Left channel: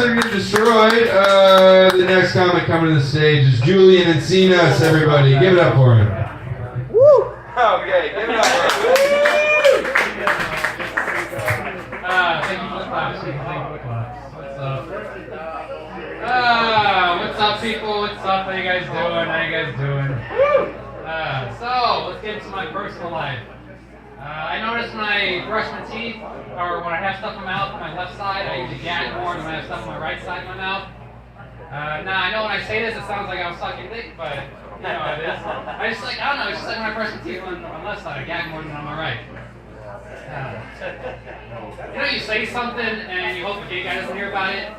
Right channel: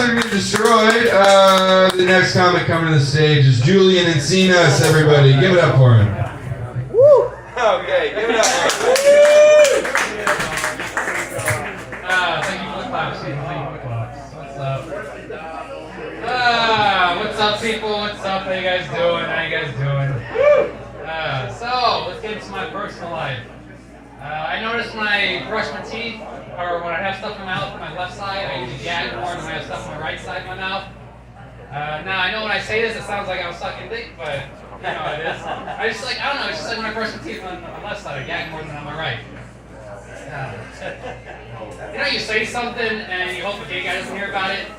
are getting destroyed. The next comic coming to the stage is Julian Encinas, everybody. Give it up for him. Woo! Okay, give it up for him. Thank you for the claps, people. Thank you for the claps. What's up? What's up, people? What's up? How you guys doing? So, let's get into my personal life. I noticed when I brush my teeth, or when I have stuff in my mouth on my left side, I usually gag more than when I have stuff on my right side of my mouth. Now, I know when I say this, it sounds like I was sucking dick, but you know how it is. I don't know, it's just like when I brush my teeth on my left side, I gag more than on my right. You know, you say something and you hope the gay guy doesn't hear about it.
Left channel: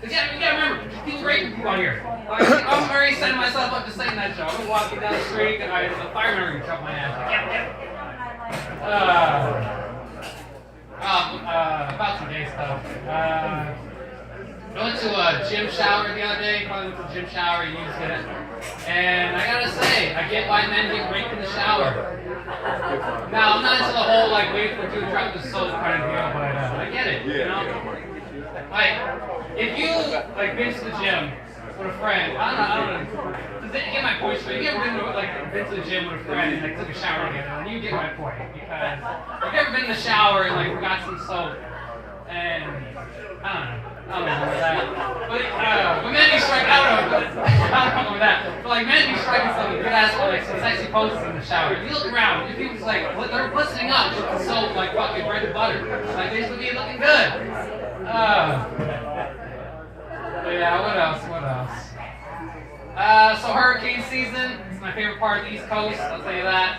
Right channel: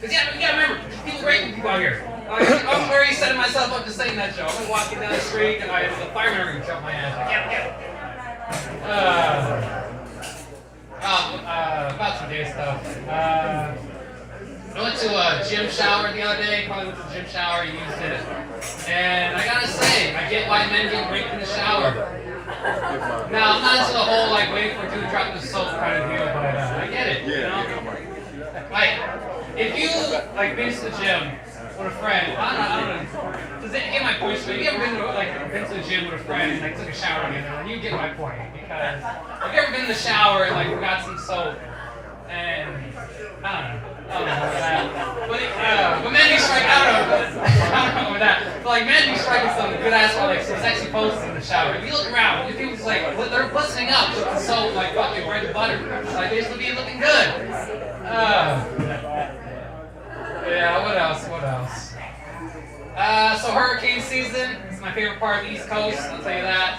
Because you gotta remember, people raping people out here. I'm already setting myself up to saying that joke. I'm walking down the street and the fireman are gonna jump my ass. Like, get it. About some gay stuff. I went to a gym shower the other day. Probably went to the gym shower, used it. And I gotta say, I get why men get raped in the shower. Now, I'm not into the whole, like, waiting for a dude to drop the soap kind of deal, but I get it, you know? Like, if you, like, been to the gym with a friend, I don't know, does it get my point straight? You ever been to the gym with a friend and, like, took a shower together, and you get my point, because have you ever been in the shower and, like, forgot some soap, and, I don't know about that. But men do strike out on it. I don't know about that. But like men do strike at some good ass or like some sexy poses in the shower. If you look around, if people's like they're glistening up with the soap like fucking bread and butter. Like they should be looking good. Yeah, what else? So hurricane season is my favorite part of the East Coast, I'll tell you that.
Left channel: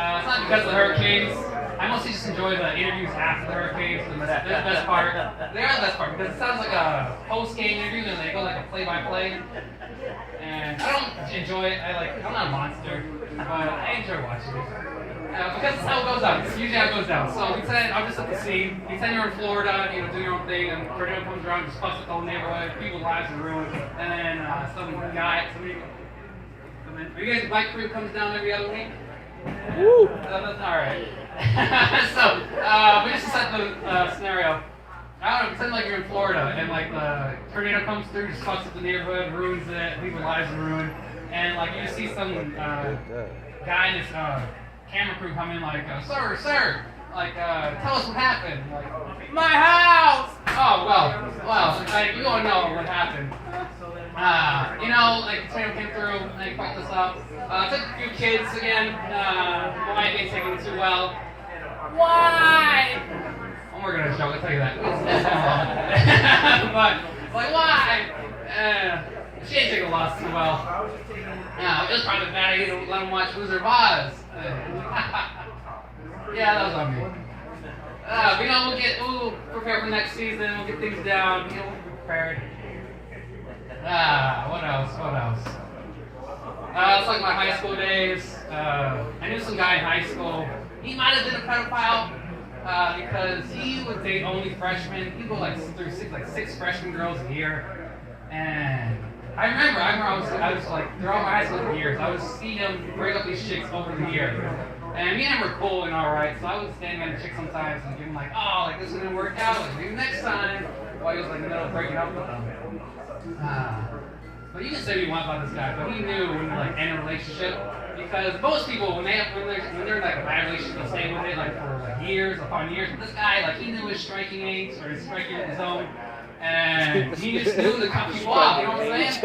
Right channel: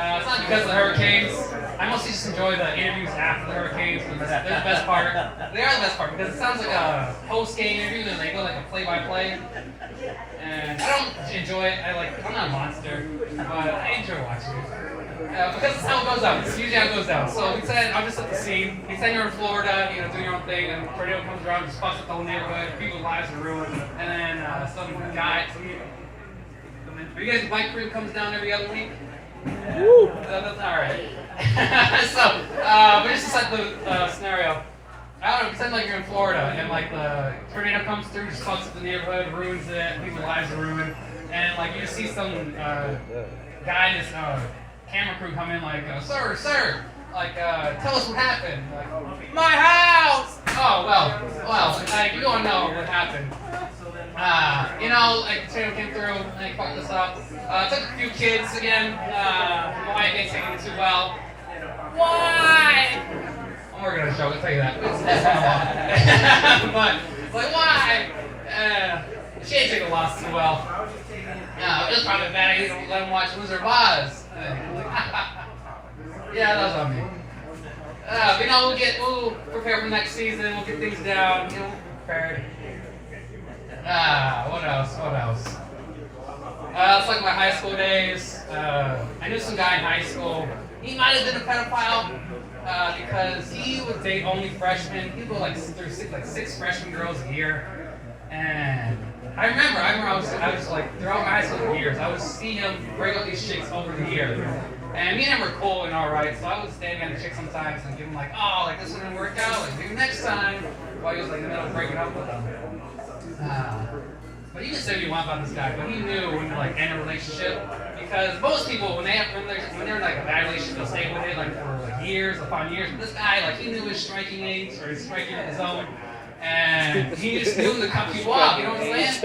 It's not because of the hurricanes. I mostly just enjoy the interviews after the hurricanes. They're the best part. They are the best part because it sounds like a post-game interview and they go like a play-by-play. And I don't enjoy it. I'm not a monster, but I enjoy watching it. Because that's how it goes down. It's usually how it goes down. So pretend I'm just at the scene. Pretend you're in Florida, you know, doing your own thing, and a tornado comes around, just fucks up the whole neighborhood, people's lives are ruined, and then some guy come in. Are you guys, the bike crew comes down every other week? Woo! That's alright. So, but just to set the scenario, I don't know, pretend like you're in Florida and like the tornado comes through, just fucks up the neighborhood, ruins it, people's lives are ruined, and like you just see some guy in this camera crew come in like, sir, like tell us what happened. Like, my house! Oh, well, like, you don't know what happened. You know, like the tornado came through and they fucked us up. Took a few kids again. My wife ain't taking it too well. Why? I'm working on a joke, I'll tell you that. But, like, why? She ain't taking a loss too well. It was probably a bad idea to let him watch Loser of Oz. Yeah, that was on me. But, you know, we'll prepare for next season, we'll get things down, you know, we'll be prepared. What else? It's like my high school days. I knew some guy in high school. He might have been a pedophile because he would date only freshmen. He'd go like through six freshman girls a year. And I remember I was like throughout my high school years, I would see him break up these chicks over the year. And me and him were cool and alright, so I was standing on the chick sometimes and give him like, oh, like this isn't gonna work out, like maybe next time, while he was like in the middle of breaking up with them. But you can say what you want about this guy, but he knew when to like end a relationship, because most people when they're in like a bad relationship, they'll stay with it like for like years upon years. But this guy, like he knew his striking age or his striking zone, and he just knew to cut people off. You know what I'm saying?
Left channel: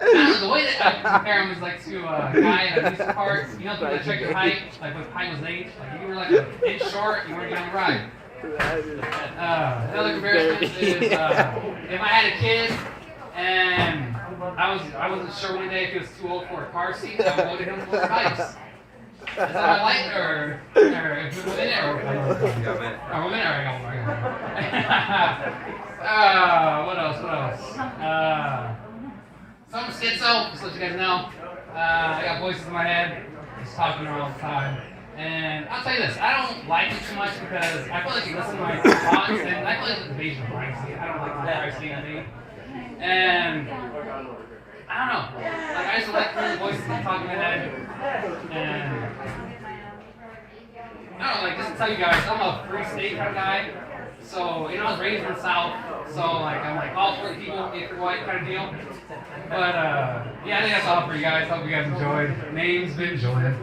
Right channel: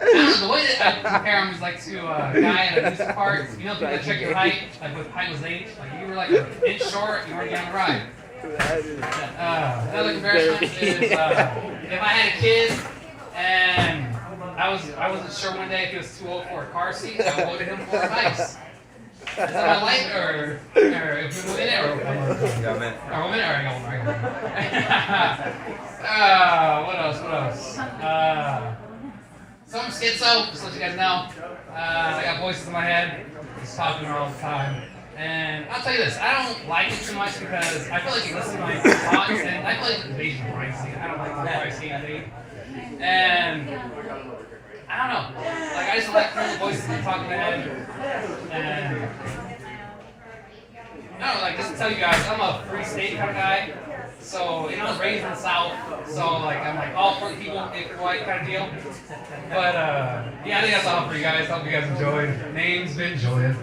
The way that I compare him is like to a guy in a amusement park. You know, people that check your height, like with height was age. Like you were like an inch short, you weren't getting a ride. Another comparison is if I had a kid and I wasn't sure one day if he was too old for a car seat, I would go to him for advice. Is that my light or if you went in it or one minute? Oh, 1 minute. All right, I got one. What else? So I'm schizo, just to let you guys know. I got voices in my head, just talking all the time. And I'll tell you this, I don't like it too much because I feel like you listen to my thoughts and I feel like it's invasion of privacy. I don't like my privacy on me. And I don't know. Like I just like hearing the voices that talk in my head. And I don't know, like just to tell you guys, I'm a free state kind of guy. So, you know, I was raised in the South, so like I'm like all for the people if they're white kind of deal. But yeah, I think that's all for you guys. Hope you guys enjoyed. Name's been Julian.